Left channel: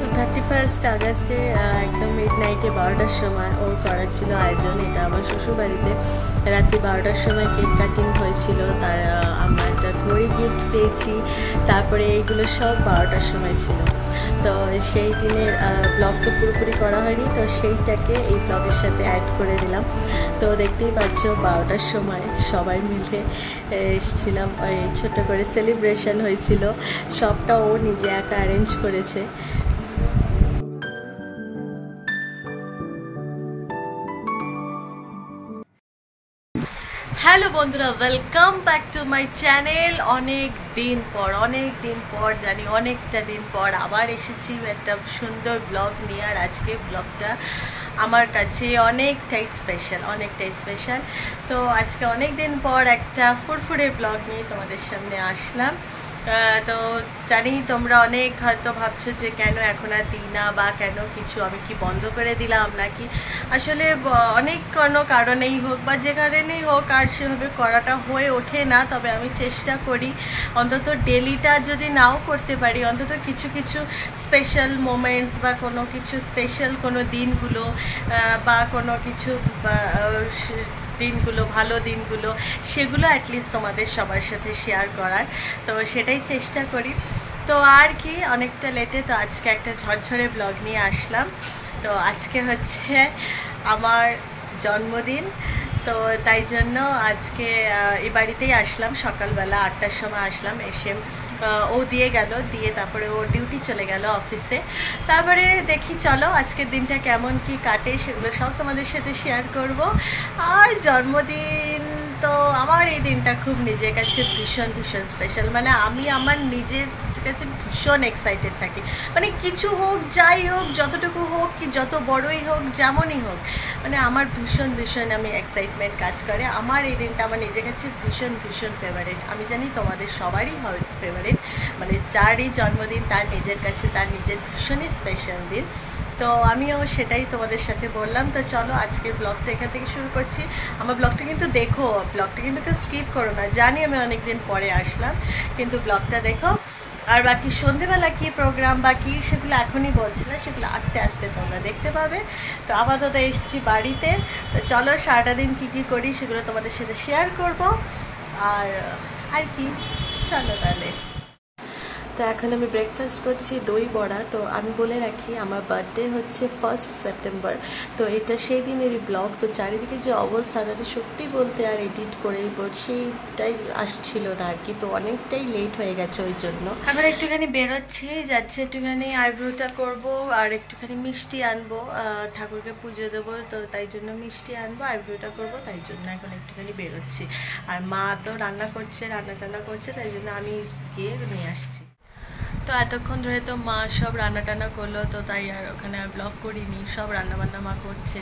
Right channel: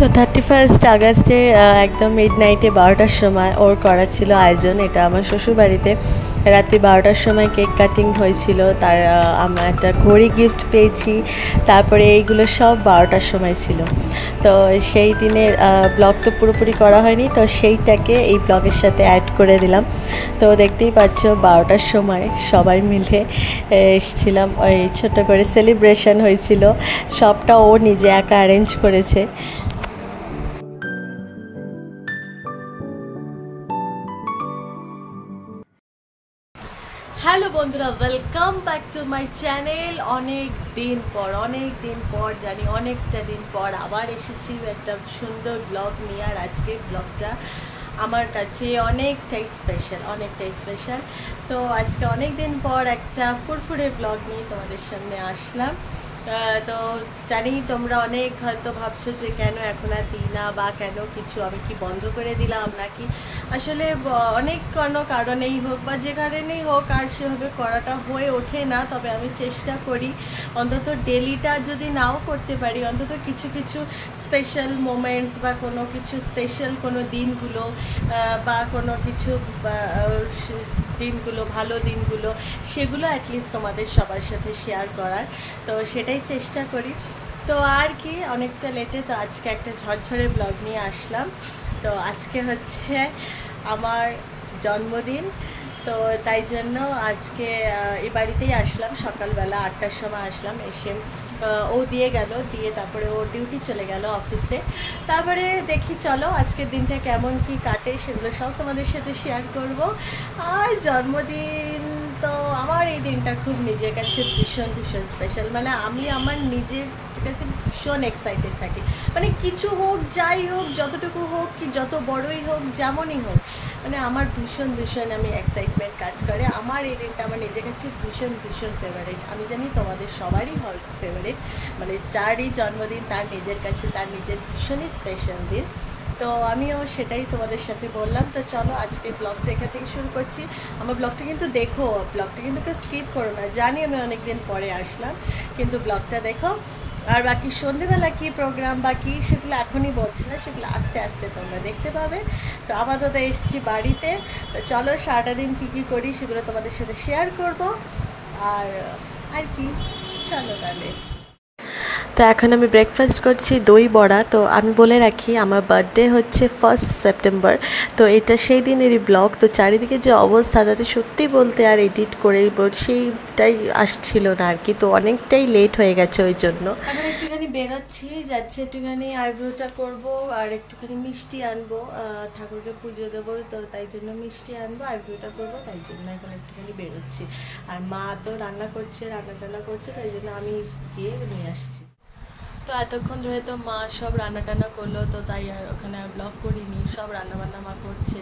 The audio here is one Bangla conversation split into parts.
তো 31 আগস্টে একদম মিডনাইটে 12টার সময় ওর করা ছিল আয়োজন। এটা আমার শ্বশুরবাড়িতে রাত্রি 12টার সময় কেক কাটিং হয়েছিল। তার আমরা একটা ঘড়ি গিফট পেয়েছি। তারপরে এইগুলো সব 12টার সময় ছিল। তো সেই দিনের ব্লগ তো পুরোপুরি করা হয়নি, তো সেইটাকে এই ব্লগের সাথে অ্যাড করে দিলাম। তো দেখতেই পাচ্ছ 12টার সময় সবাই মিলে এসেছিলাম, ওই ছোট্ট করে সেলিব্রেশন হয়েছিল। সবটা ও নিজে একা অ্যারেঞ্জ করেছে। হ্যালো বন্ধুরা, welcome back to my channel. অনেক দিন পর জানি অনেকটা দিন পর আবার এসেছি একটা সুন্দর ব্লগ নিয়ে। আর আজকে ব্লগটা আমার কাছে অনেকটাই স্পেশাল। তো আজকে অনেক দিন পর একটা ফুরফুরে ব্লগ নিয়ে তোমাদের সামনে আসলাম। তো জানি তোমরা অনেক হয়তো ভাবছো যে কেন এখন আর দিই না, বা কেন কিছু আমি কি বন্ধ করে দিলাম নাকি। আসলে অনেক কোনো কারণেই হোক বা যে কারণেই হোক আর সেভাবে করাটা হয়ে ওঠে না। তবে আমি চেষ্টা করি অন্তত ডেলিটা যদি নাও করতে পারি, অন্তত কিছু কিছু স্পেশাল মোমেন্টস বা কোনো কিছু স্পেশাল কোনো দিনগুলো বা কোনো কিছু দিনগুলো ভালো দিনগুলো সেগুলো অ্যাটলিস্ট তোমাদের সবার সাথে শেয়ার করার। তো সেটাই চেষ্টা করি। তো আর কি, অনেকটা লেটে তো আজকে একটা ঝরঝরে ব্লগ নিয়ে আসলাম। তো আজকে হচ্ছে আমার জন্মদিন। তো তাই জন্য আজকে এই বাড়িতেই আসলাম, সকালবেলা 8টার সময় আসলাম। এসে ও দিয়ে গেল, দিয়ে তারপরে ও ডিউটি চলে গেল অফিসে। তারপরে দেখি চলো আজকের দিনটা কেমন কি কাটে সেগুলো সব তোমাদের সাথে শেয়ার করব। আর জন্মদিন তো আমার এই দিনটা খুব নিজের কাছে ভীষণ স্পেশাল। মানে আমি আমার নিজের কাছে ভীষণ এক্সাইটেড থাকি। মানে কিছু হোক, যাই হোক, যতটুকু হোক কি যত বড়ই হোক, যেমনই হোক, মানে আমার ভীষণ আমি এক্সাইটমেন্ট কাজ করে। আমার এই দিনটা আমার নিজের কাছে ভীষণ ফেভারিট। আমি জানি তোমাদের সবারই হয় ফেভারিট। মানে যারই জন্মদিন তার নিজের কাছে তার নিজের ভীষণই স্পেশাল দিন। তো আমিও সেটাই তোমাদের সাথে বললাম। তো চলো আজকের ব্লগটা এখান থেকে শুরু করছি। আমার ব্লগটা কিন্তু দেখো, ব্লগটা কিন্তু কেউ স্কিপ করো না। জানি আমি অনেকদিন পরে আসলাম, কিন্তু ব্লগটা দেখো। আর বাকি সন্ধেবেলা কী প্রোগ্রাম বা কী সেগুলো এখনই বলছি না, সেগুলো আস্তে আস্তে তোমরা দেখতে পাবে। তো আপাতত এসেছি বাড়িতে। তো চলো সারাটা দিন কী করি সেগুলো তোমাদের সাথে শেয়ার করব। আর কি, চলো তাহলে। তো এখন আমি ব্রেকফাস্ট করছি দই বড়া। তো আমি বলে রাখি আমার বার্থডে হচ্ছে 1 সেপ্টেম্বর। তো এটা সেই দিনেরই ব্লগ। তো চারিদিকে যে অবস্থা, তাতে সত্যি বলতে আর এডিট করে সেইটাই আসছিল না আর কি। তো অনেকটাই লেট হয়ে গেছে ওই জন্য। এখন একটুখানি বেরোচ্ছি, যাচ্ছি একটুখানি আইব্রোটা করব আর একটুখানি মিষ্টি আনবো, ঠাকুরকে পুজো দেবো। তো তাই জন্য মিষ্টি আনবো, আইব্রোটা করবো, তাই জন্য এখন একটুখানি বেরোচ্ছি। আর মা তো রান্না টান্না করছে, তাই জন্য আমি গিয়ে নিয়ে আসছি। তো এতক্ষণ ধরে তো মা সব রান্না টান্না করলো, তো তাই আর ওখানে আর ব্লগ করিনি। সব রান্নাবান্না মা করছে।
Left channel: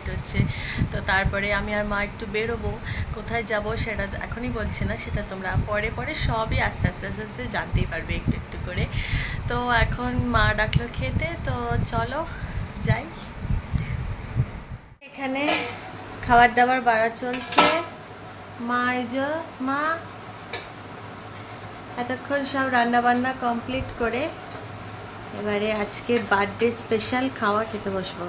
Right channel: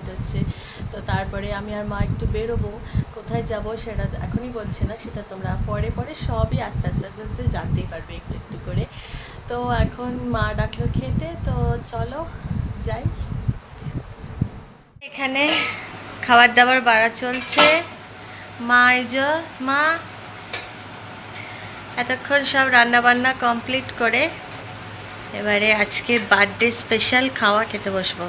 তো তারপরে আমি আর মা একটু বেরোবো। কোথায় যাব সেটা এখনই বলছি না, সেটা তোমরা পরে সবই আস্তে আস্তে জানতেই পারবে একটু করে। তো এখন মা ডাকলো খেতে, তো চলো যাই। এখানে খাবার দাবার বাড়া চলছে। মা এতক্ষণ সব রান্নাবান্না কমপ্লিট করে এবারে আজকে বার্থডে স্পেশাল খাওয়া খেতে বসবো।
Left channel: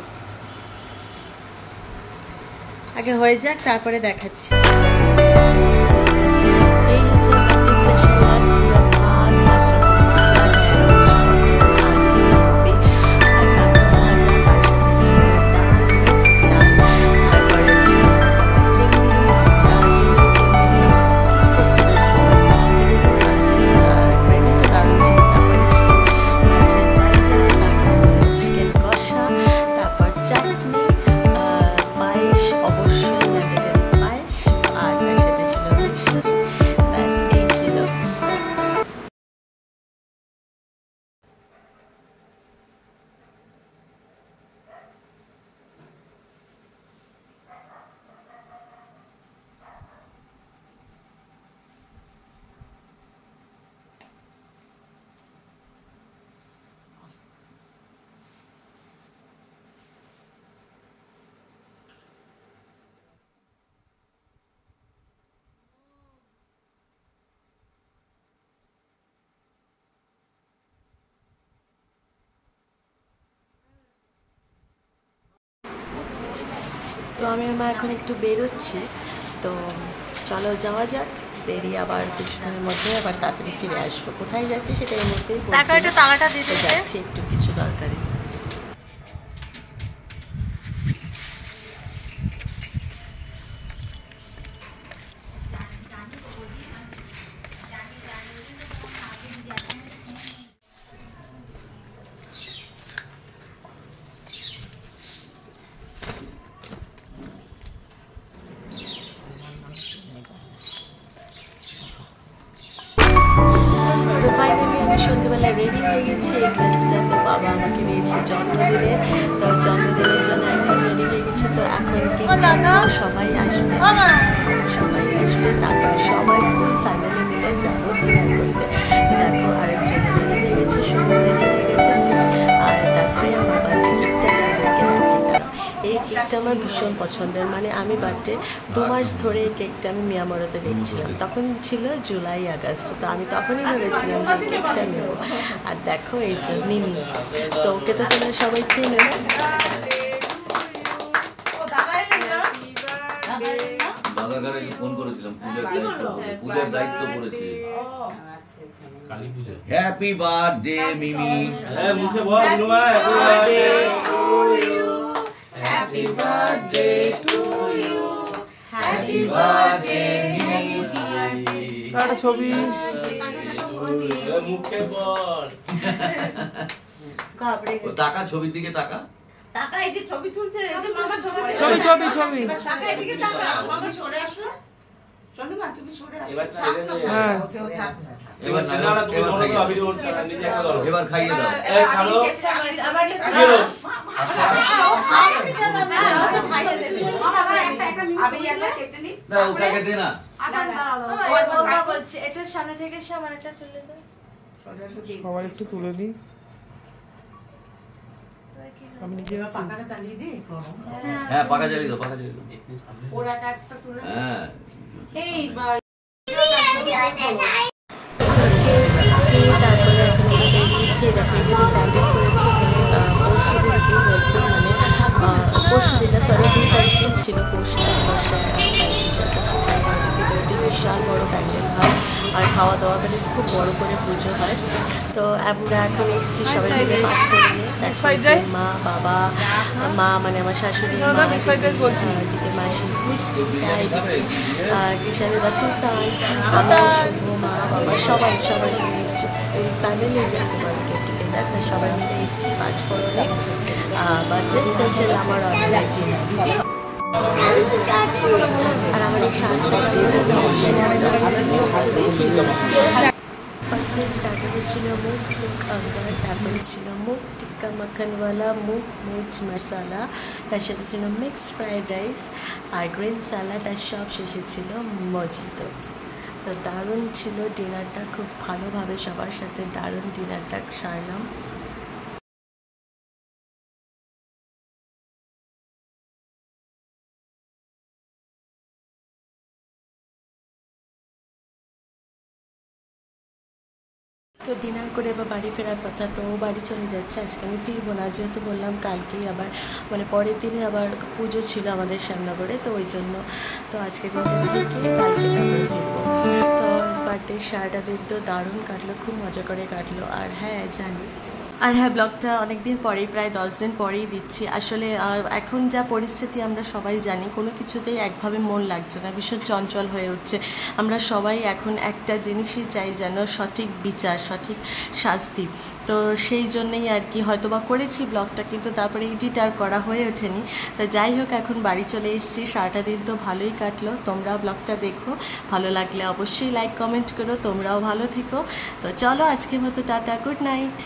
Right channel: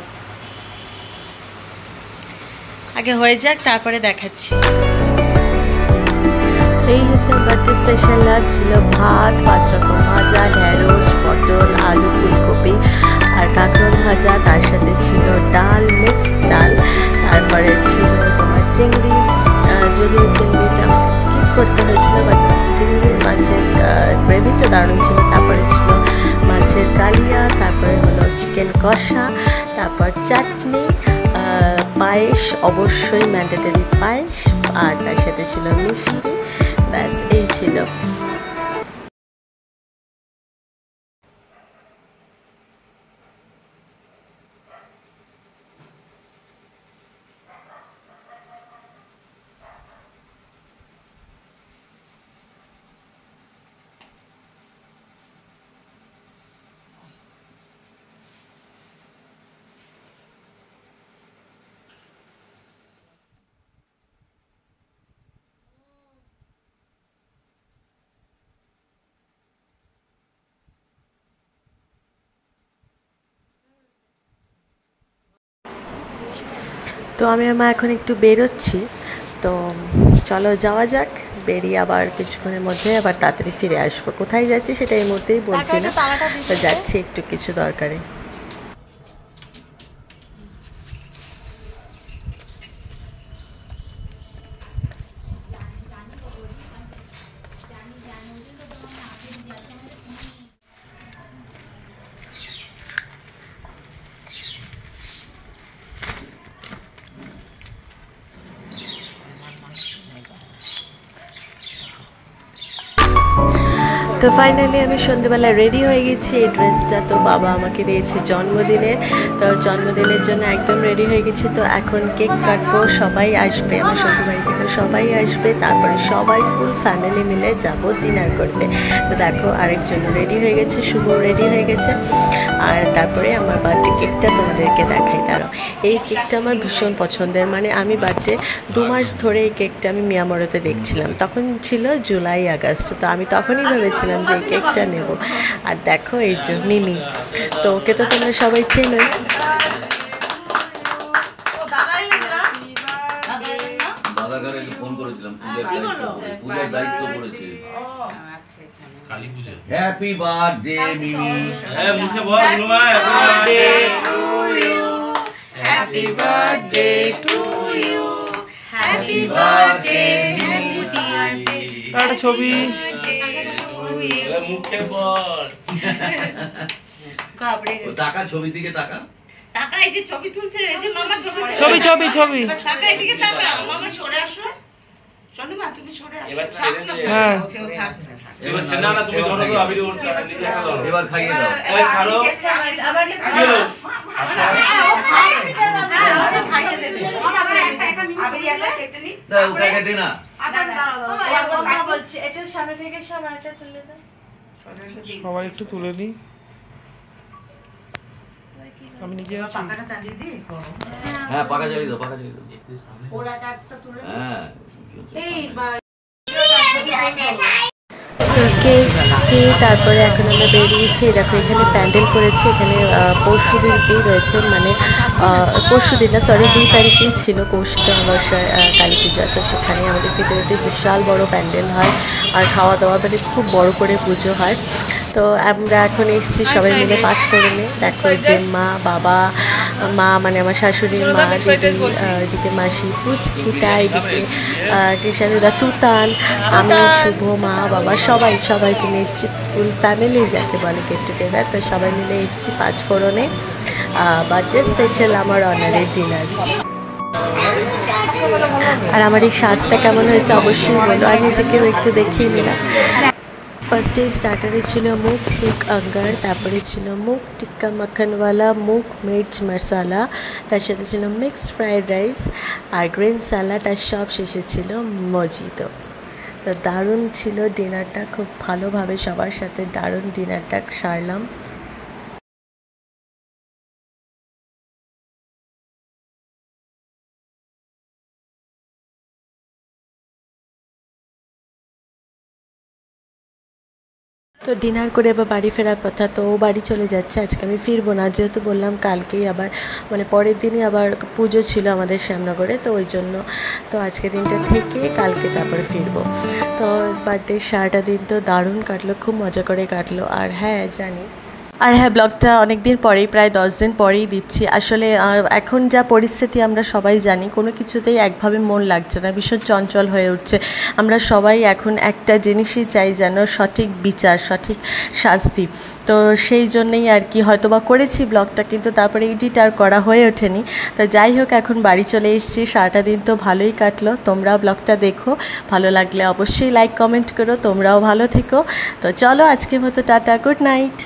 আগে হয়ে যাক, তারপরে দেখাচ্ছি। এই হচ্ছে বার্থডে স্পেশাল। লাঞ্চ ছিল ভাত, 5 রকম ভাজা, ঢেঁড়স, পটল, আলু, ফুলকপি আর কাঁকরোল ভাজা। তার সাথে ছিল ডাল, মিক্সড ডাল। তারপরে ছিল তোমার চিংড়ি। যদিও চিংড়িটা স্কিপ করতে হয়েছিল, বাট চিংড়ি মাছের গ্রেভিটা দারুণ ছিল। তারপরে ছিল মাছের কালিয়া, তারপরে হলো চিকেন কষা, তারপর চাটনি, পায়েস, অবশ্যই ম্যান্ডেটরি পায়েস, আর তার সাথে ছিল মিষ্টি। ব্যাস এই ছিল। তো আমি এখন একটু বেরোচ্ছি, তো চলো যাওয়া যাক। বেরিয়ে আবার কিছুক্ষণের মধ্যে আবার তাড়াতাড়ি ফিরে আসবো। কোথায় যাচ্ছি সেটা এই মুহূর্তেই বলছি না, তো যাচ্ছি একটু কিছু দরকারে। তো ফাইনালি আমি সন্ধ্যেবেলা রেডি হয়ে গেছি। এই ড্রেসটা তো বাবা আমাকে দিয়েছে জন্মদিনের, তো জন্মদিনের জন্য একদম রেডি হয়ে গেছি। তো এখন কেক কাটবো, সবাই আসবে, আমার শ্বশুরবাড়ি থেকে সবাই আসবে, তারপরে সবাই ফুল ফ্যামিলি মিলে যাব ডিনার করতে। তো দেখো আরেকজন রেডি হয়ে গেছে, শুভ রেডি হয়ে গেছে। আর তারপরে আমার বার্থডে কেকটা তোমাদেরকে দেখাই। দাঁড়াও, এই কেকটা আমার ভীষণ পছন্দের, মানে আমি বার্থডে 2 মাস ধরে এই কেকটা আমি মিয়ামরেতে দেখছিলাম, তখন ছিল জুলাই আগস্ট। তো আমি তখনই ভেবেছিলাম যে এই কেকটা নেব। আর দেখো এই যে মিমি, তো ওকে তো তোমরা সবাই চেনো। ফোন করেছিলাম, পূজার দায়িত্ব করেছে। Happy birthday Mimi. মুখে বল happy birthday to you, happy birthday একটা ছবি মুখে বল। টাকা ছবির দিকে টাকা, টাকা এই যে ছবি তুলছে, এই যে মামা ছবি ছবি ছবি ছবি টাকা এদিকে টাকা, মামা সরে আসো। শনিবার তুমি সরে আসো। এবার ছেড়ে দে। হ্যাঁ সেও থাক না। এবার ছেড়ে না, তুমি ধরো তো আবির ওর নিজে একটা ধরো। এবার খাইয়ে দাও। এই ছাড়ো আবার গেলো। খাইয়ে দেবে। আবার একটা আবির একটা কেটে নি। না ওটা কেটে না। দাঁড়াও দাঁড়াও বলছি, এটা সামনে থেকে সামনেটা তুলে দাও। সবাই একটু তুলে নি, আমি নিজে আছি। পাকাটা চালিয়ে দি। হ্যাঁ পাকা চালিয়ে দাও, পাকা চালিয়ে দাও। ওরা একটা তুলে হ্যাঁ তারপরে এখন আমরা বেরিয়েছি। দেখো এখানে প্যান্ডেল করেছে, এখানে পরশু দিনকেই রয়েছে, মানে পরশু দিন না, সরি 2 তারিখেই ছিল কৌশিক অমাবস্যায় কালী পূজা। তো সেখানে আমাদের ভিতরে বিশাল বড় প্যান্ডেল হয়, আর খাওয়া দাওয়া মানে খুব বড় করে পুজো হয়। তো আমরা এখন এসেছি সবাই মিলে 5 করে নিয়ে। দেখো যে মা, বাবা, মা মানে আমার শাশুড়ি মা, দিদি, এদিকে মাসি পুচকিটা, এদিকে কৃষাণীদা, তুতান, আমি, শুভ, মা, বাবা সবাই মিলে এসেছি, ফুল ফ্যামিলি যাকে বলে গেট টুগেদার। তো সবাই মিলে এসেছি 5 ফোড়নে বার্থডে স্পেশাল আমার অনারে ডিনার। আর আমার এই সাজটা কেমন হয়েছে অবশ্যই বলো, আর নিজেকেও একটু দেখিয়ে নিলাম। ফার্স্টে স্টার্টারে ছিল মুগ সিল্ক আঙ্গার, তারপরে ছিল মুগ টিক্কা মাখনওয়ালা, মুগ মির্চ মশালা, তার সাথে ছিল মিক্সড ফ্রাইড রাইস আর গ্রিন স্যালাড, আর সব শেষে ছিল মজিতো। তো দারুণ ছিল ডিনারটা, খুব ভালোভাবে সবার সাথে দারুণ ডিনারটা সারলাম। তো ডিনার করে আবার বাড়ি ফেরার কথা, তো ও বাড়ি চলে যাচ্ছে, আজকে আমি ফিরবো না, যেহেতু বললাম কালকেই আবার মানে পরের দিনই আবার পুজো ছিল আমাদের শ্যামনগরে, তো ওই জন্য তো আজকে দিনটা থেকে কালকে তারপরে ফিরবো। তো বার্থডে সারাটা দিন তো দারুণ কাটলো, খুব মজা করে কাটলো। আর হ্যাঁ জানি, আর হ্যাঁ ব্লগটা অনেক দিন পরেই, প্রায় 10 দিন পরেই দিচ্ছি। আসলে এখন যা পরিস্থিতি আমরা সবাই জানি, কোনো কিছুতেই একভাবে মন লাগছে না, ভীষণ চঞ্চল হয়ে উঠছে। আমরা সবাই এখন একটা জিনিসই চাই, যেন সঠিক বিচার, সঠিক শাস্তি। তো সেই জন্যেই আর কি হয়তো বা করেছি ব্লগটা, কিন্তু তারপরে এডিট আর করা হয়ে ওঠেনি। তো যাই হোক, এখন বাড়ি চলে এসেছি, সারাটা দিন তো ভালোই কাটলো। তোমরাও ব্লগটা দেখো, ভালো লাগলে অবশ্যই লাইক কমেন্ট করো, তোমরাও ভালো থেকো। তো চলো আজকের মতো টাটা, গুড নাইট।